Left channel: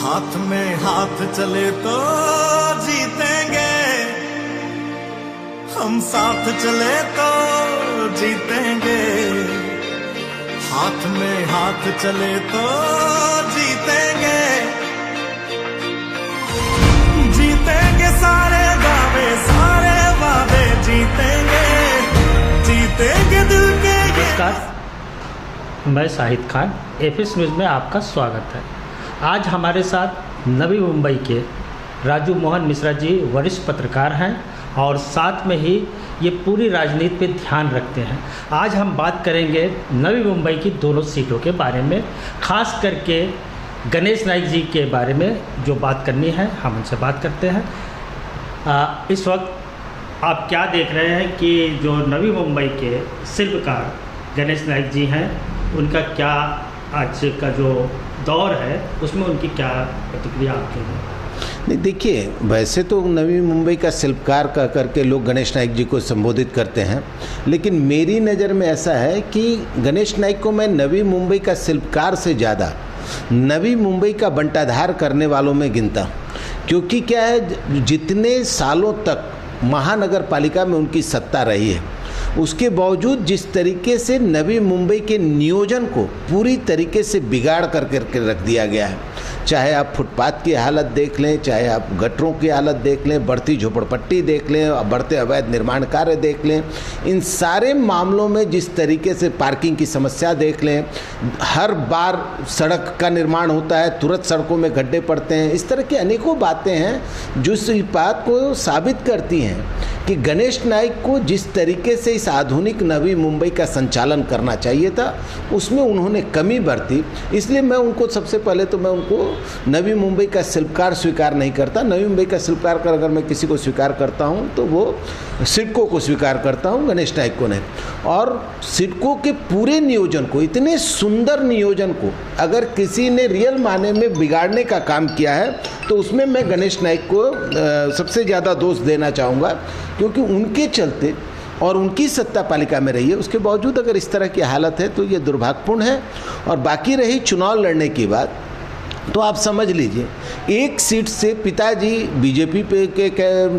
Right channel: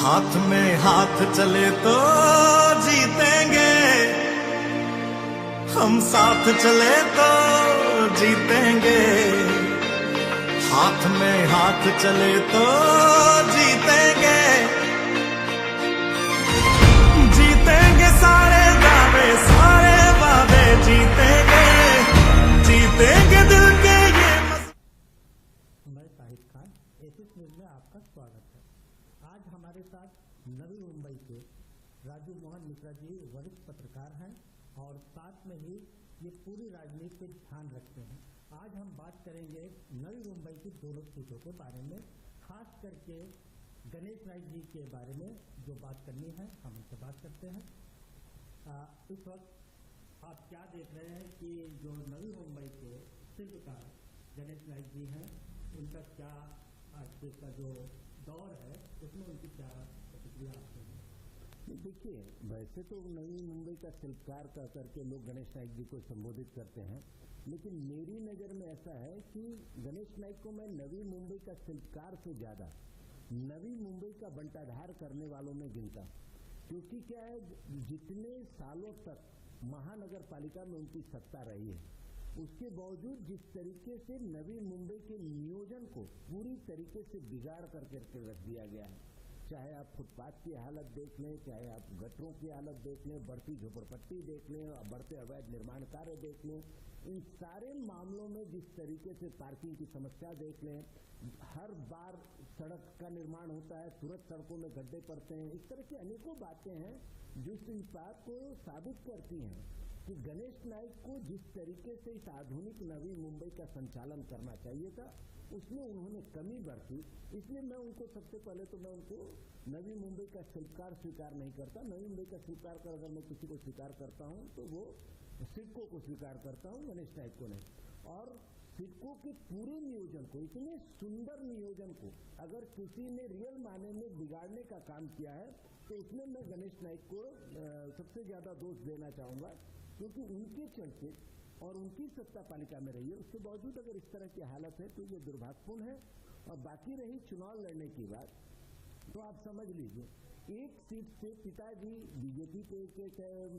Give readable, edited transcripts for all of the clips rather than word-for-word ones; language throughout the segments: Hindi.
हाथ में हाथ चले तो जीतेंगे, हम साथ चले तो जीतेंगे। हाथ में हाथ चले तो जीतेंगे, जीतेंगे सारे दावे सारे वादे, जीतेंगे जीतेंगे दिल के ये। मैं शाहिद खान, एफएस न्यूज़ में आपका स्वागत है। आज हमारे साथ नवी मुंबई के राजू मोहन मिश्रा जी वरिष्ठ पत्रकार हैं और साथ में ही ये पूरी राजनीति पे ध्यान रखते हैं। आज हम बात करेंगे नवी मुंबई की दोनों सीटों के बारे में, खास करके गणेश नाइक जी के बारे में जो बात करनी है हम उनसे बात करते हैं। इस वक्त आप क्या देख रहे हैं कि जो नवी मुंबई के शिल्पकार गणेश नाइक जी हैं, उनका क्या आज का जो दौर है उसमें उनकी क्या प्रतिक्रिया आपकी है? नहीं, देखिए, वैसे तो नवी मुंबई का शिल्पकार कह करके लोग गणेश नाइक जी को संबोधित करते हैं, लेकिन मेरी नज़र में ऐसा है कि गणेश नाइक को मैं नवी मुंबई का शिल्पकार से ज़्यादा नवी मुंबई का बंटाधार करने वालों में गिनता हूँ। क्योंकि क्या है, जितने सालों तक महानगर पालिका में उनकी सत्ता रही है, उसके बावजूद जिस तरीके से नवी मुंबई के नियोजन को पूरी तरीके से बिगाड़ करके रख दिया गया है, चाहे आप फुटपाथ की हालत देख लें, चाहे आप गटरों की हालत देख लें, बढ़ती झोपड़पट्टी देख लें, बढ़ते अवैध निर्माण कार्य देख लें, इन सारे मामलों में जिस तरीके से पार्किंग की समस्या देख लें, हर बार सड़क का निर्माण होता है तुरंत सड़कों में गड्ढे पड़ते हैं, इस तरह की अनेकों बातें हैं जो इस बात को साबित करती हैं कि गणेश नाइक को जिस तरीके से इस आधुनिक नवी मुंबई का संचालन करना चाहिए था उसमें उन्होंने कमी बरती। इसलिए मैं उनको सबसे पहले तो मैं उनको नवी मुंबई का शिल्पकार स्वीकार नहीं करता। नवी मुंबई का शिल्पकार कर अगर मैं किसी को स्वीकार करता हूं तो वो सिडको को स्वीकार करता हूं, गणेश नाइक को नहीं। और सिडको के पूरे नियोजन को, इतने सुंदर नियोजन को अगर किसी ने रियल माने में बिगाड़ने का काम किया है तो उसमें मैं गणेश नाइक को सबसे ज़्यादा दोष देना चाहूँगा, क्योंकि उनके चलते और उनकी सत्ता पालिका में रही है, उसके बावजूद अगर इस तरह की हालत है तो ये दुर्भाग्यपूर्ण है। और बाकी रही चुनाव लड़ने की बात, तो आप समझ लीजिए, एक सीट से पिताजी बीजेपी पे के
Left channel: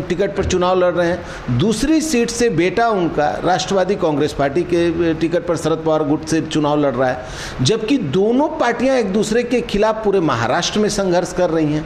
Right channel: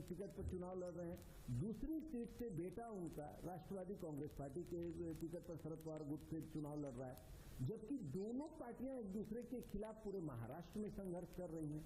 टिकट पर चुनाव लड़ रहे हैं, दूसरी सीट से बेटा उनका राष्ट्रवादी कांग्रेस पार्टी के टिकट पर शरद पवार गुट से चुनाव लड़ रहा है, जबकि दोनों पार्टियां एक दूसरे के खिलाफ पूरे महाराष्ट्र में संघर्ष कर रही हैं।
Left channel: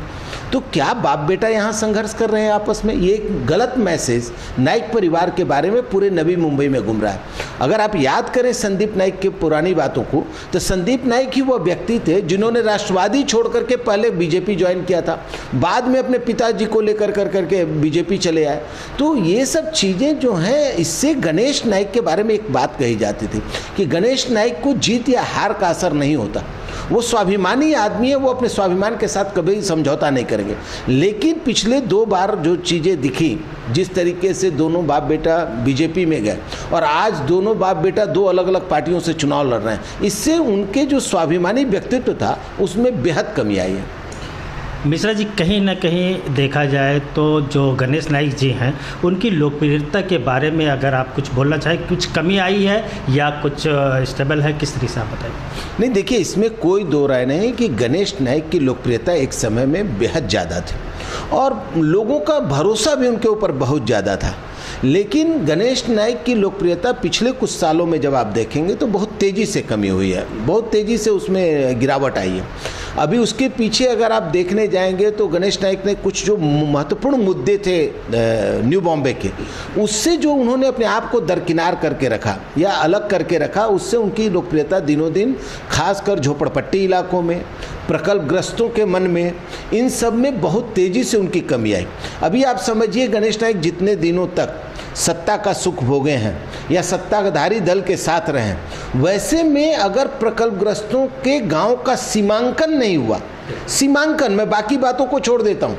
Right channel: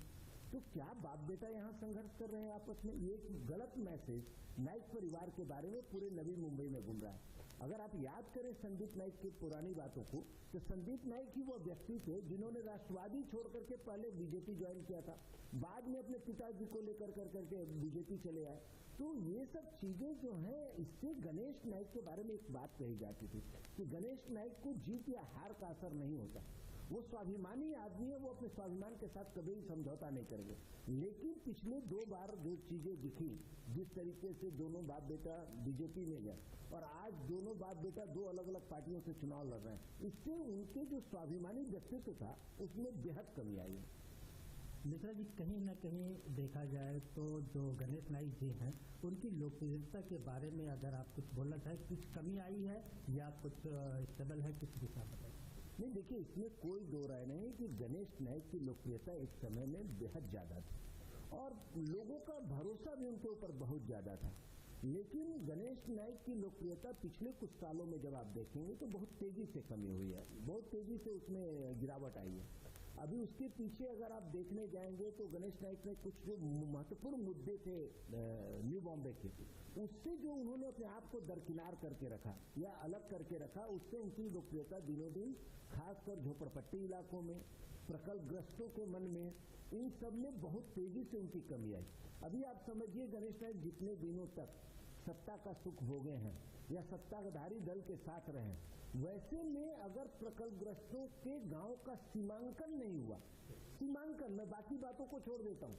तो क्या बाप बेटा यहाँ संघर्ष कर रहे हैं आपस में? ये एक गलत मैसेज नाइक परिवार के बारे में पूरे नवी मुंबई में घूम रहा है। अगर आप याद करें संदीप नाइक की पुरानी बातों को, तो संदीप नाइक ही वो व्यक्ति थे जिन्होंने राष्ट्रवादी छोड़ करके पहले बीजेपी ज्वाइन किया था, बाद में अपने पिताजी को लेकर करके बीजेपी चले आए। तो ये सब चीज़ें जो हैं, इससे गणेश नाइक के बारे में एक बात कही जाती थी कि गणेश नाइक को जीत या हार का असर नहीं होता, वो स्वाभिमानी आदमी है, वो अपने स्वाभिमान के साथ कभी समझौता नहीं करेंगे। लेकिन पिछले 2 बार जो चीज़ें दिखी, जिस तरीके से दोनों बाप बेटा बीजेपी में गए और आज दोनों बाप बेटा 2 अलग अलग पार्टियों से चुनाव लड़ रहे हैं, इससे उनके जो स्वाभिमानी व्यक्तित्व था उसमें बेहद कमी आई है। मिश्रा जी, कहीं ना कहीं देखा जाए तो जो गणेश नाइक जी हैं उनकी लोकप्रियता के बारे में अगर आप कुछ बोलना चाहें, कुछ कमी आई है या कुछ स्टेबल है, किस तरीके से आप बताइए? नहीं, देखिए, इसमें कोई दो राय नहीं कि गणेश नाइक की लोकप्रियता एक समय में बेहद ज़्यादा थी और लोगों का भरोसा भी उनके ऊपर बहुत ज़्यादा था। लेकिन गणेश नाइक की लोकप्रियता पिछले कुछ सालों में जब आप देखेंगे तो बहुत तेज़ी से कमी हुई है, बहुत तेज़ी से उसमें गिरावट आई है। अभी उसके पीछे अगर आप देखने जाएंगे तो गणेश नाइक ने कुछ जो महत्वपूर्ण मुद्दे थे न्यू बॉम्बे के, उससे जो उन्होंने अपने आप को दरकिनार करके रखा या अलग करके रखा, उससे उनकी लोकप्रियता दिनों दिन खासकर झोपड़पट्टी इलाकों में, प्रकल्पग्रस्तों के मन में, इन सब में बहुत तेज़ी से उनकी कमी आई। अभी आप समझिए, गणेश नाइक जितने दिनों तक सत्ता का सुख भोगे हैं या सत्ताधारी दल के साथ रहे हैं, वैसे में अगर प्रकल्पग्रस्तों के गांव का सीमांकन नहीं हुआ, सीमांकन, मैं बाकी बातों को छोड़ देता हूं,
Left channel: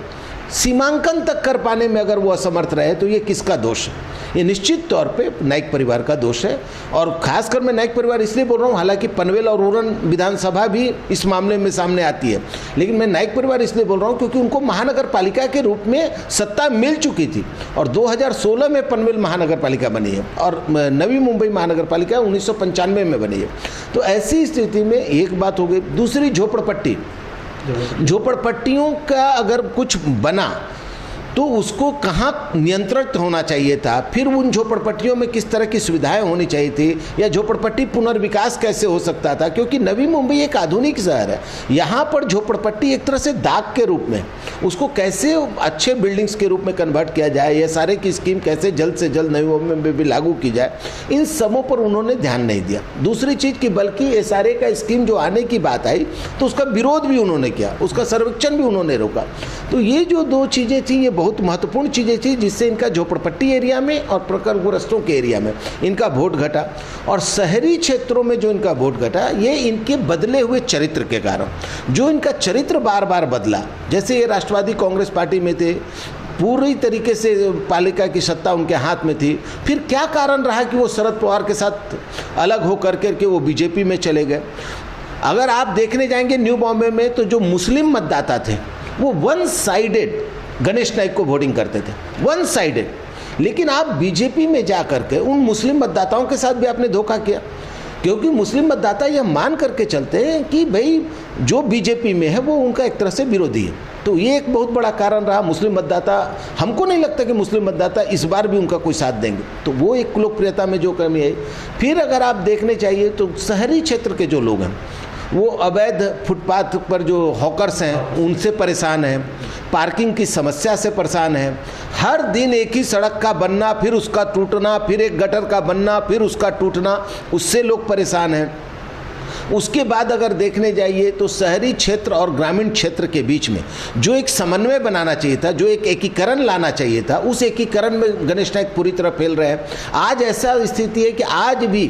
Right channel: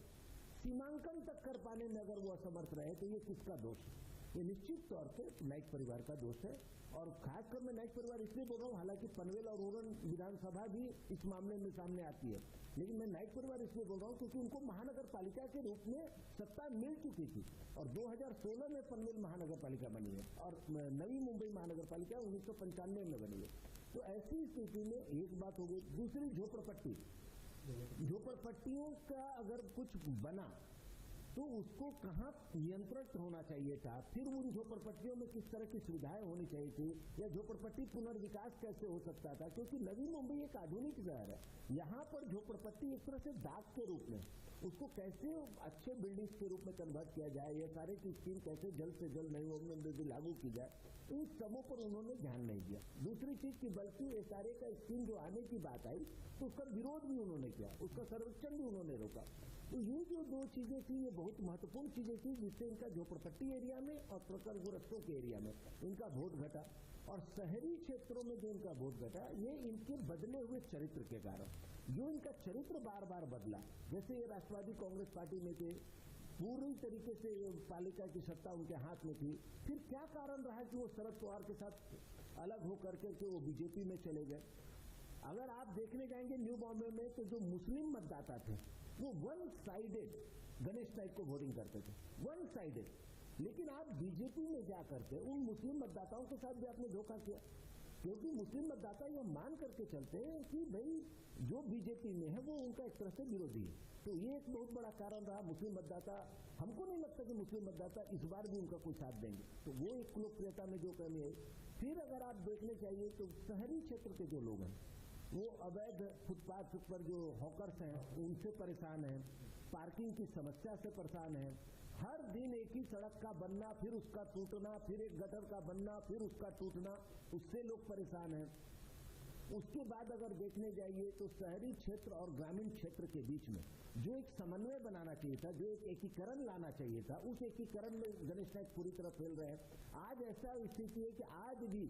सीमांकन तक कर पाने में अगर वो असमर्थ रहे तो ये किसका दोष है? ये निश्चित तौर पे नाइक परिवार का दोष है। और खासकर मैं नाइक परिवार इसलिए बोल रहा हूँ, हालांकि पनवेल और उरण विधानसभा भी इस मामले में सामने आती है, लेकिन मैं नाइक परिवार इसलिए बोल रहा हूँ क्योंकि उनको महानगर पालिका के रूप में सत्ता मिल चुकी थी और 2016 में पनवेल महानगर पालिका बनी है और नवी मुंबई महानगर पालिका 1995 में बनी है। तो ऐसी स्थिति में एक बात हो गई। दूसरी, झोपड़पट्टी, झोपड़पट्टियों का अगर कुछ बना तो उसको कहाँ नियंत्रित होना चाहिए था, फिर उन झोपड़पट्टियों में किस तरह की सुविधाएं होनी चाहिए थी, या झोपड़पट्टी पुनर्विकास कैसे हो सकता था। क्योंकि नवी मुंबई एक आधुनिक शहर है, यहाँ पर झोपड़पट्टी एक तरह से दाग के रूप में, उसको कैसे अच्छे बिल्डिंग्स के रूप में कन्वर्ट किया जाए, ये सारे की स्कीम कैसे जल्द से जल्द नवी मुंबई में भी लागू की जाए, इन सबों पर उन्होंने ध्यान नहीं दिया। दूसरी चीज़ की बल्कि SRA का स्कीम जो आने की बात आई तो उसका विरोध भी उन्होंने किया, उसका सर्वेक्षण भी उन्होंने रोका। तो ये जो दो चीज़ें थी ये बहुत महत्वपूर्ण चीज़ें थी जिससे इनका झोपड़पट्टी एरिया में और प्रखरग्रस्तों के एरिया में इनका वोट घटा, और शहरी क्षेत्रों में जो इनका वोट घटा ये इनके बदले हुए चरित्र के कारण, जो इनका चरित्र बार बार बदला। जैसे ये राष्ट्रवादी कांग्रेस पार्टी में थे, पूरी तरीके से पालिका की सत्ता उनके हाथ में थी, फिर क्या कारण रहा कि वो शरद पवार के साथ अलग हो करके वो बीजेपी में चले गए। अगर आप देखने जाएंगे न्यू बॉम्बे में तो जो मुस्लिम मतदाता थे वो वन साइडेड गणेश नाइक को वोटिंग करते थे, वन साइडेड। लेकिन आप बीजेपी में जा करके उन मुस्लिम मतदाताओं के साथ भी आपने धोखा किया, क्योंकि मुस्लिम मतदाता यह मान करके चलते हैं कि भाई जो बीजेपी में है वो उनका एक तरह से विरोधी है। तो ये एक बहुत बड़ा कारण रहा। मुस्लिम मतदाता, हमको नहीं लगता कि मुस्लिम मतदाता इस बार भी उनका कोई साथ देंगे, तो वो एक लोकप्रियता में जो कमी है। फिर अगर आप देखने चाहिए तो शहरी क्षेत्र के जो लोग हैं वो अवैध फुटपाथ पर जो हॉकर्स हैं उनसे परेशान हैं, पार्किंग की समस्या से परेशान हैं। हर दिन एक ही सड़क का बनना, फिर उसका टूटना, फिर एक गटर का बनना, फिर उसका टूटना, उससे लोग परेशान हैं। उसके बाद अगर देखने जाइए तो शहरी क्षेत्र और ग्रामीण क्षेत्र के बीच में जो एक समन्वय बनाना चाहिए था, जो एक एकीकरण लाना चाहिए था, उस एकीकरण में गणेश नाइक पूरी तरह फेल रहे हैं। आज ऐसा स्थिति है कि आज भी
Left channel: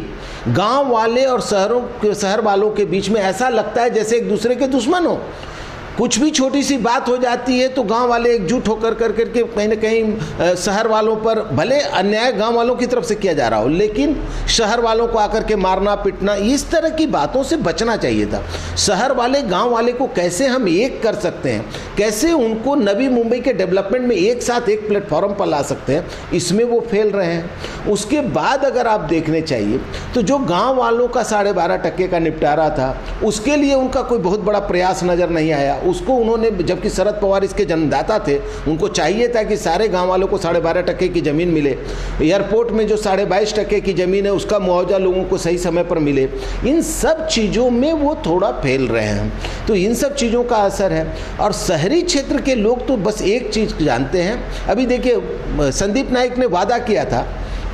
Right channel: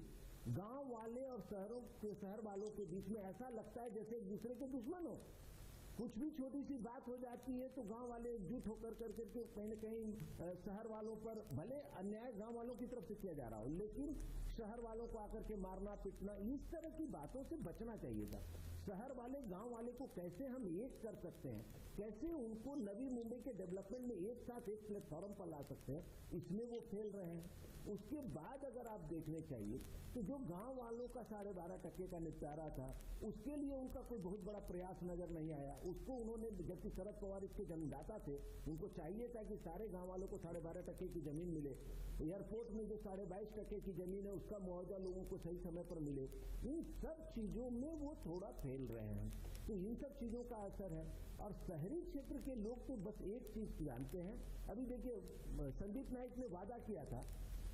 गांव वाले और शहर वालों के बीच में ऐसा लगता है जैसे एक दूसरे के दुश्मन हो। कुछ भी छोटी सी बात हो जाती है तो गांव वाले एकजुट होकर करके कहीं ना कहीं शहर वालों पर, भले अन्याय गांव वालों की तरफ से किया जा रहा हो, लेकिन शहर वालों को आकर के मारना पीटना, इस तरह की बातों से बचना चाहिए था। शहर वाले गांव वाले को कैसे हम एक कर सकते हैं, कैसे उनको नवी मुंबई के डेवलपमेंट में एक साथ एक प्लेटफॉर्म पर ला सकते हैं, इसमें वो फेल रहे हैं। उसके बाद अगर आप देखने चाहिए तो जो गाँव वालों का 12.5% का निपटारा था उसके लिए उनका कोई बहुत बड़ा प्रयास नज़र नहीं आया। उसको उन्होंने, जबकि शरद पवार इसके जन्मदाता थे, उनको चाहिए था कि सारे गांव वालों को 12.5% की ज़मीन मिले, एयरपोर्ट में जो 22.5% की ज़मीन है उसका मुआवजा लोगों को सही समय पर मिले। इन सब चीज़ों में वो थोड़ा फेल रहे हैं, तो इन सब चीज़ों का असर है। और शहरी क्षेत्र के लोग तो बस एक चीज़ जानते हैं। अभी देखिए संदीप नाइक ने वादा किया था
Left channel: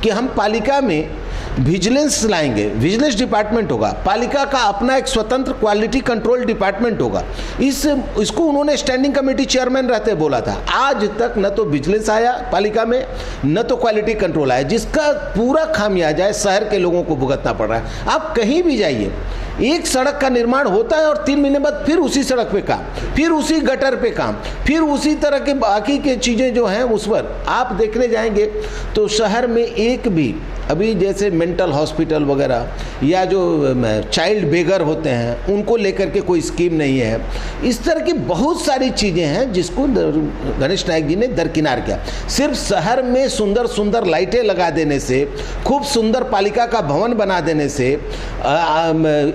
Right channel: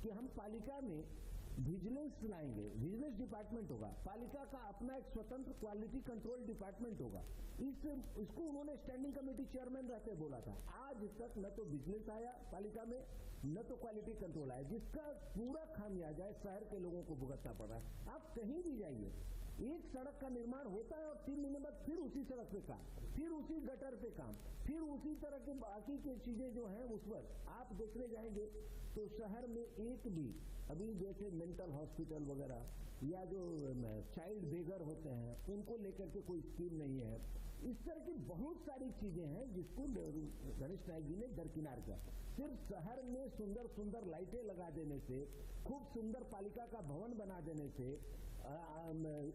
कि हम पालिका में विजिलेंस लाएंगे, विजिलेंस डिपार्टमेंट होगा, पालिका का अपना एक स्वतंत्र क्वालिटी कंट्रोल डिपार्टमेंट होगा। इसको उन्होंने स्टैंडिंग कमेटी चेयरमैन रहते बोला था। आज तक न तो विजिलेंस आया पालिका में, न तो क्वालिटी कंट्रोल आया, जिसका पूरा खामियाजा शहर के लोगों को भुगतना पड़ रहा है। आप कहीं भी जाइए, एक सड़क का निर्माण होता है और 3 महीने बाद फिर उसी सड़क पे काम, फिर उसी गटर पे काम, फिर उसी तरह के बाकी के चीज़ें जो हैं उस पर आप देखने जाएंगे तो शहर में एक भी, अभी जैसे मेंटल हॉस्पिटल वगैरह या जो चाइल्ड बेगर होते हैं उनको लेकर के कोई स्कीम नहीं है। इस तरह की बहुत सारी चीज़ें हैं जिसको गणेश नाइक जी ने दरकिनार किया। सिर्फ शहर में सुंदर सुंदर लाइटें लगा देने से, खूब सुंदर पालिका का भवन बना देने से,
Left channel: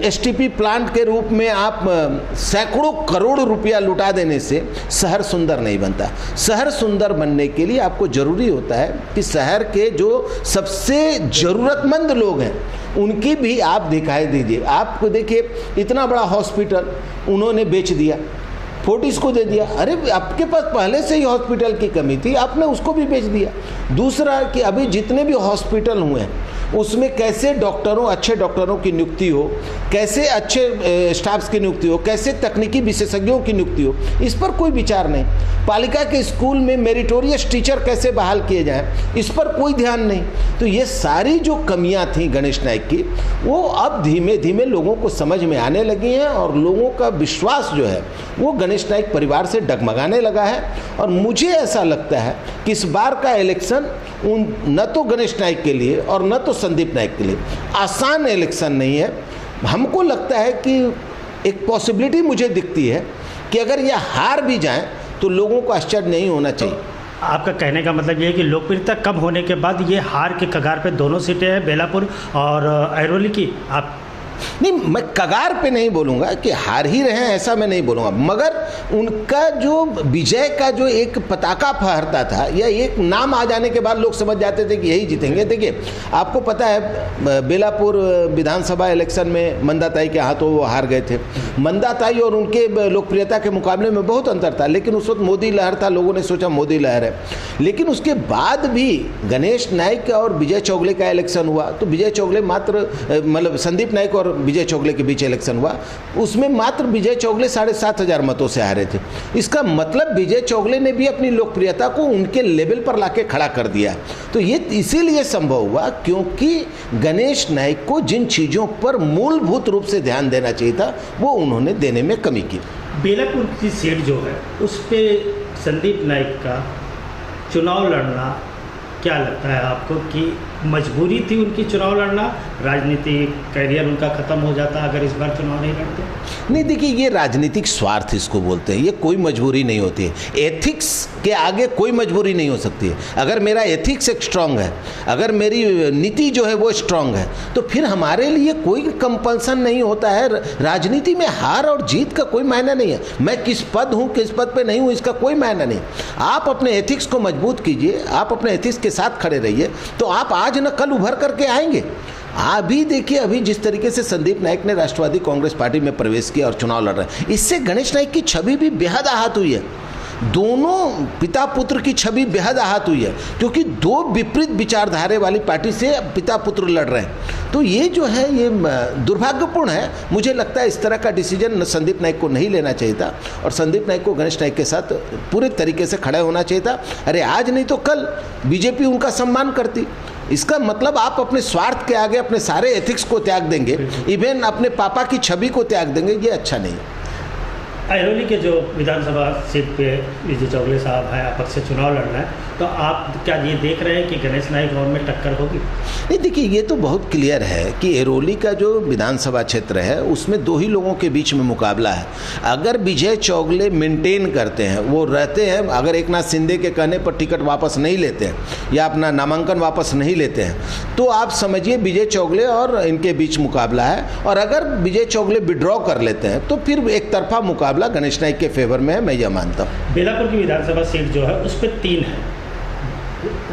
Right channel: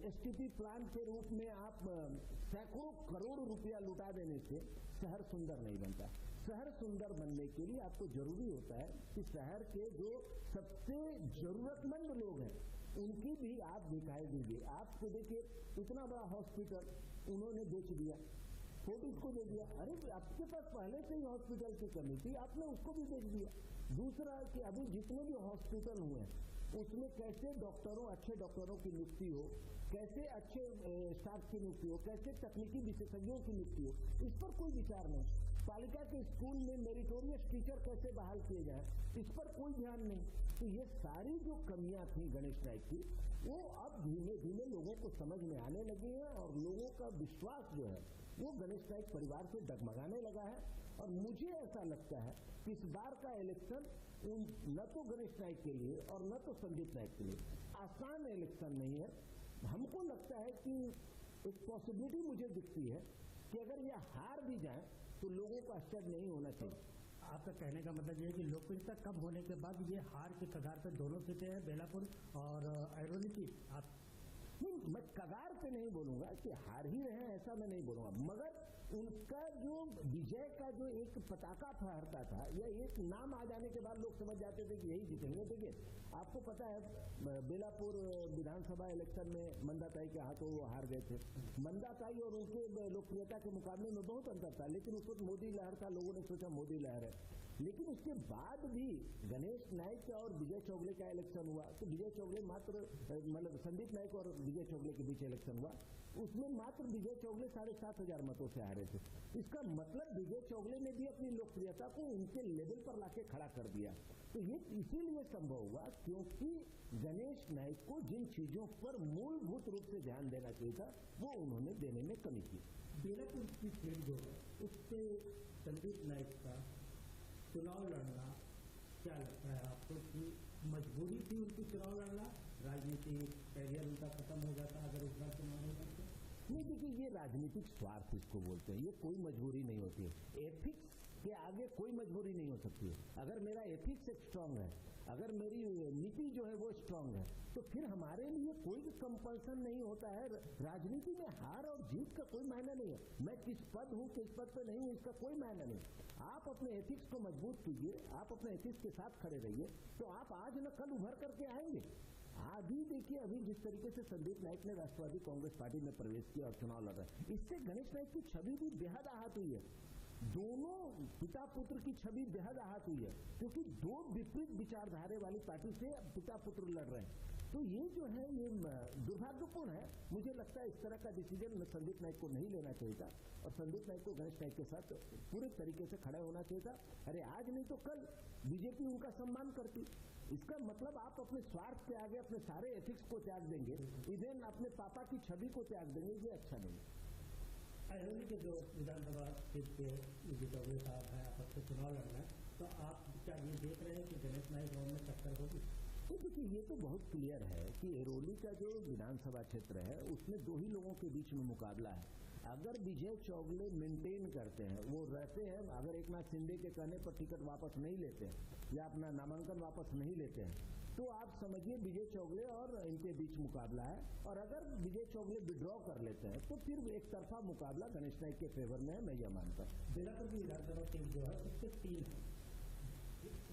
STP प्लांट के रूप में आप सैकड़ों करोड़ रुपया लुटा देने से शहर सुंदर नहीं बनता। शहर सुंदर बनने के लिए आपको ज़रूरी होता है कि शहर के जो सबसे ज़रूरतमंद लोग हैं उनकी भी आप दिखाई दीजिए। आपको देखिए इतना बड़ा हॉस्पिटल उन्होंने बेच दिया, फोर्टिस को दे दिया। अरे आपके पास पहले से ही हॉस्पिटल की कमी थी, आपने उसको भी बेच दिया। दूसरा कि अभी जितने भी हॉस्पिटल हुए हैं उसमें कैसे डॉक्टरों, अच्छे डॉक्टरों की नियुक्ति हो, कैसे अच्छे स्टाफ्स की नियुक्ति हो, कैसे तकनीकी विशेषज्ञों की नियुक्ति हो, इस पर कोई विचार नहीं। पालिका के स्कूल में मेरिटोरियस टीचर कैसे बहाल किए जाएं, इस पर कोई ध्यान नहीं। तो ये सारी जो कमियां थी गणेश नाइक की, वो अब धीमे धीमे लोगों को समझ में आने लगी हैं और लोगों का विश्वास जो है वो गणेश नाइक परिवार से डगमगाने लगा है। और मुझे ऐसा लगता है कि इस बार का इलेक्शन न तो गणेश नाइक के लिए और न तो संदीप नाइक के लिए आसान इलेक्शन नहीं है। हमको लगता है कि एक पॉसिबिलिटी मुझे दिखती है कि अगर यह हार भी जाएं तो लोगों को आश्चर्य नहीं होना चाहिए। आपका कहने का मतलब ये है कि लोकप्रियता कम होने के बाद ये हार के कगार पे दोनों सीटें हैं, बेलापुर और ऐरोली की। आप नहीं, मैं कगार पे नहीं बोलूँगा कि हार ही रहे हैं, ऐसा मैं नहीं बोलूँगा, मगर उनका जो विजय का जो एक पताका फहरता था या एक नाम आ जाने के बाद लोग समझ जाते थे कि यही जीतेंगे। देखिए, आपको पता है बेलापुर विधानसभा इलेक्शन में मंदाताई के हाथों वो हार गए थे। मंदाताई और उनके लोकप्रियता के मुकाबले में बहुत अंतर था, लेकिन उस वक्त मोदी लहर था, लोगों ने सोचा मोदी लहर है। लेकिन उसके बाद भी गणेश नाइक और विजय चौगले का इलेक्शन हुआ तो विजय चौगले मात्र मतलब संदीप नाइक और विजय चौगले के बीच इलेक्शन हुआ, उसमें मात्र विजय चौगले 7,500 मतों से हारे थे। इसका मतलब विजय चौगले ने भी अपनी लोकप्रियता को उनके लेवल पर लाके खड़ा कर दिया। तो ये इसीलिए संभव हुआ क्योंकि गणेश नाइक को जिन चीज़ों पर मूलभूत रूप से ध्यान देना चाहिए था वो उन्होंने देने में कमी की। बेलापुर की सीट जो है उस पर संदीप नाइक का चुनाव लड़ना क्या लगता है आपको कि मजबूरी थी उनकी चुनाव लड़ना, राजनीतिक करियर उनका खत्म हो जाता अगर इस बार चुनाव नहीं लड़ते? नहीं, देखिए, ये राजनीतिक स्वार्थ इसको बोलते हैं, ये कोई मजबूरी नहीं होती है। एथिक्स के आगे कोई मजबूरी नहीं हो सकती है। अगर मेरा एथिक्स एक स्ट्रांग है, अगर मेरी नीति जो है वो स्ट्रांग है, तो फिर हमारे लिए कोई कंपल्सन नहीं होता है। राजनीति में हार और जीत का कोई मायना नहीं है। मैं किस पद हूँ, किस पद पे नहीं हूँ, इसका कोई मायना नहीं। आप अपने एथिक्स को मजबूत कीजिए, आप अपने एथिक्स के साथ खड़े रहिए, तो आप आज न कल उभर करके आएंगे। अभी देखिए, अभी जिस तरीके से संदीप नाइक ने राष्ट्रवादी कांग्रेस पार्टी में प्रवेश किया और चुनाव लड़ रहे हैं, इससे गणेश नाइक की छवि भी बेहद आहत हुई है। दोनों पिता पुत्र की छवि बेहद आहत हुई है क्योंकि दो विपरीत विचारधारे वाली पार्टी से पिता पुत्र लड़ रहे हैं। तो ये जो है ये दुर्भाग्यपूर्ण है। मुझे लगता है इस तरह का डिसीजन संदीप नाइक को नहीं लेना चाहिए था और संदीप नाइक को गणेश नाइक के साथ पूरे तरीके से खड़ा होना चाहिए था। अरे आज नहीं तो कल बीजेपी उनका सम्मान करती। इसका मतलब आप अपने स्वार्थ के आगे अपने सारे एथिक्स को त्याग देंगे, इवन अपने पापा की छवि को त्याग देंगे, ये अच्छा नहीं। अहिरोली के जो विधानसभा सीट पे विजय चौगले साहब हैं, अपक्ष से चुनाव लड़ना है, तो आप क्या ये देख रहे हैं कि गणेश नाइक और में टक्कर होगी? नहीं, देखिए, ये तो बहुत क्लियर है कि अहिरोली का जो विधानसभा क्षेत्र है उसमें दो ही लोगों के बीच में मुकाबला है। अगर विजय चौगले मेंटेन करते हैं, वो रहते हैं, अगर एकनाथ शिंदे के कहने पर टिकट वापस नहीं लेते हैं या अपना नामांकन वापस नहीं लेते हैं, तो आप समझिए विजय चौगले और इनके बीच मुकाबला है। और अगर विजय चौगले विड्रॉ कर लेते हैं तो फिर एक तरफा मुकाबला गणेश नाइक के फेवर में है, मैं यह मानता हूँ। बेलापुर की विधानसभा सीट जो है उस पर 3 है,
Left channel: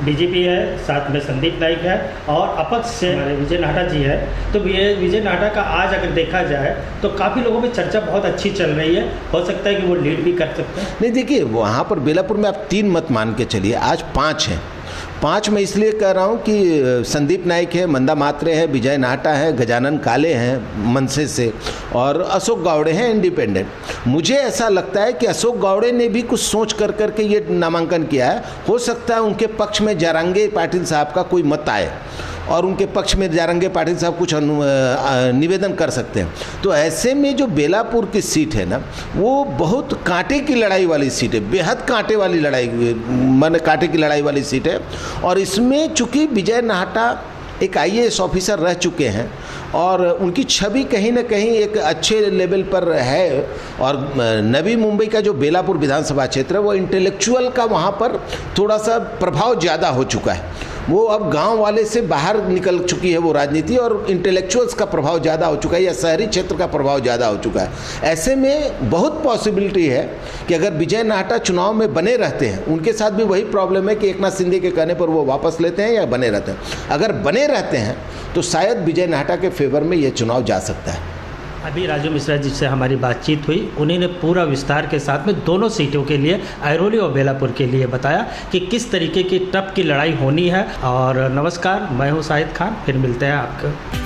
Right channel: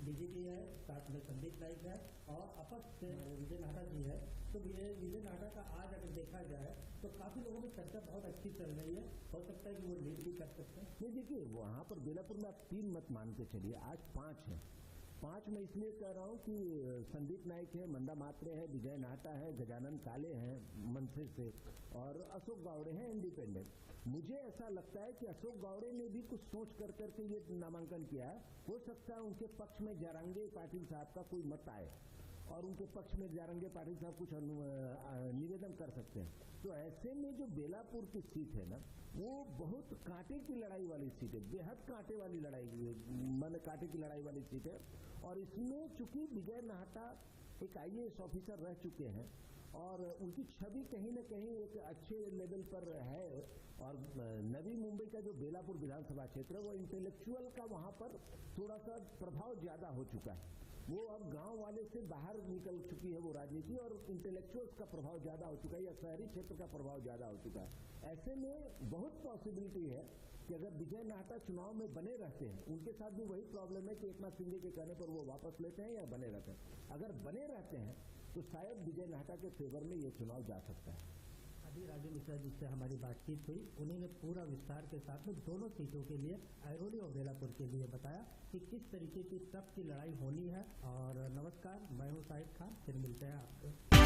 बीजेपी है, साथ में संदीप नाइक है और अपक्ष से हमारे विजय नाहटा जी है। तो विजय नाहटा का आज अगर देखा जाए तो काफ़ी लोगों में चर्चा बहुत अच्छी चल रही है, हो सकता है कि वो लीड भी कर सकते हैं। नहीं, देखिए, वहाँ पर बेलापुर में आप 3 मत मान के चलिए, आज 5 हैं। 5 में इसलिए कह रहा हूँ कि संदीप नाइक है, मंदा मात्रे है, विजय नाहटा है, गजानन काले हैं मनसे से और अशोक गावड़े हैं इंडिपेंडेंट। मुझे ऐसा लगता है कि अशोक गावड़े ने भी कुछ सोच कर करके ये नामांकन किया है। हो सकता है उनके पक्ष में जारंगे पाटिल साहब का कोई मत आए और उनके पक्ष में जारंगे पाटिल साहब कुछ निवेदन कर सकते हैं। तो ऐसे में जो बेलापुर की सीट है ना, वो बहुत कांटे की लड़ाई वाली सीट है, बेहद कांटे वाली लड़ाई, माने कांटे की लड़ाई वाली सीट है। और इसमें चूंकि विजय नाहटा एक IAS ऑफिसर रह चुके हैं और उनकी छवि कहीं ना कहीं एक अच्छे लेवल पर है और नवी मुंबई का जो बेलापुर विधानसभा क्षेत्र है वो इंटेलेक्चुअल का वहाँ पर थोड़ा सा प्रभाव ज़्यादा हो चुका है। वो अब गांव वाले से बाहर निकल चुकी है वो राजनीति और इंटेलेक्चुअल्स का प्रभाव ज़्यादा हो चुका है या शहरी क्षेत्र का प्रभाव ज़्यादा हो चुका है। ऐसे में बहुत पॉसिबिलिटी है कि अगर विजय नाहटा चुनाव में बने रहते हैं, उनके साथ भी वही प्रॉब्लम है कि एकनाथ शिंदे के कहने पर वो वापस लेते हैं या बने रहते हैं। अगर बने रहते हैं तो शायद विजय नाहटा के फेवर में ये चुनाव जा सकता है। अभी राजू मिश्रा जी से हमारी बातचीत हुई, उन्हीं ने पूरा विस्तार के साथ में दोनों सीटों के लिए, अहिरोली और बेलापुर के लिए बताया कि किस तरीके की टफ की लड़ाई होनी है। और नमस्कार, मैं हूं शाहिद खान, फिर मिलते हैं आपको।